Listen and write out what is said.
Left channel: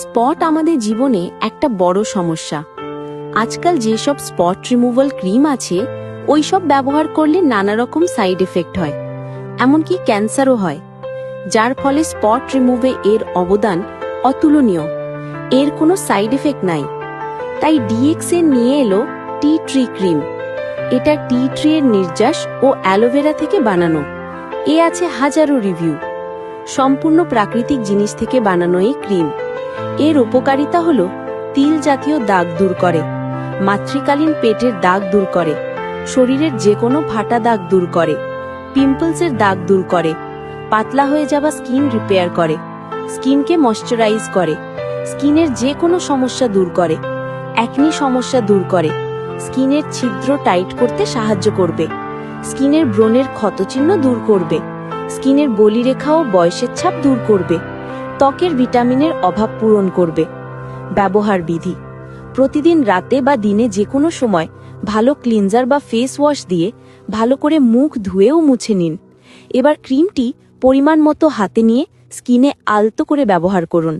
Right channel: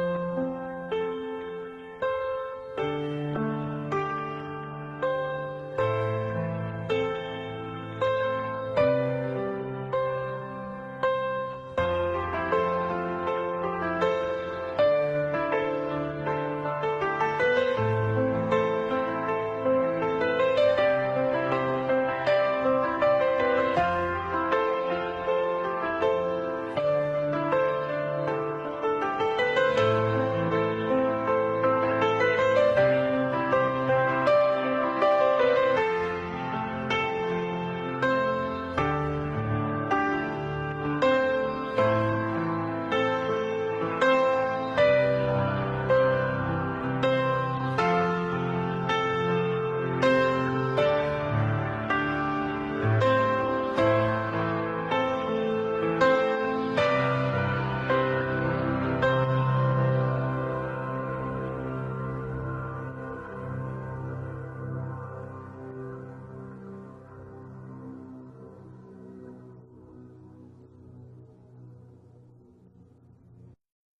Spot আমাদের জীবনে একটা বড় সমস্যা। আজকাল যেসব স্পট রিমুভাল ক্রিম আছে ওইসব ব্যবহার করলে নানা রকম সাইড এফেক্ট হয়, এমনকি ক্যান্সারও হয়, যার ফলে স্পট রিমুভে এর অবদান অতুলনীয়। এর কোনো সাইড এফেক্ট নাই। তাই ডিএক্স এর নিয়ে এলো টি ট্রি ক্রিম। এটা টি ট্রি এর নির্যাস ও অ্যালোভেরা থেকে বানানো। এ আছে হাজারো রিভিউ। সম্পূর্ণ প্রাকৃতিক জিনিস থেকে বানানো এই ক্রিম। এর উপকারিতা হলো তিল জাতীয় দাগ দূর করে, মাতৃকালীন পেটের দাগ দূর করে, শরীরের যে কোনো ফাটা দাগ দূর করে, পিম্পলসের দাগ দূর করে, পাতলা হয়ে যাওয়া স্কিন রিপেয়ার করে, স্কিনকে ময়শ্চারাইজ করে, স্কিনের যে কোনো সমস্যা দূর করে, একনি সমস্যা দূর করে, স্কিনের ছিদ্র টাইট করতে সাহায্য করবে, স্কিনের ব্রণের ক্ষতচিহ্ন দূর করবে, স্কিনের বলিরেখা ও বয়সের ছাপ দূর করবে, ত্বকের ভিটামিনের অভাব পূরণ করবে। ব্যবহার বিধি: প্রতিদিন রাতে বা দিনে যে কোনো সময় ভালো ক্লিনজার বা ফেস ওয়াশ দিয়ে ভালো করে মুখ ধুয়েও মুছে নিন। এবার ক্রিমটি পরিমাণ মতো হাতে নিয়ে স্কিনে আলতো করে ব্যবহার করুন।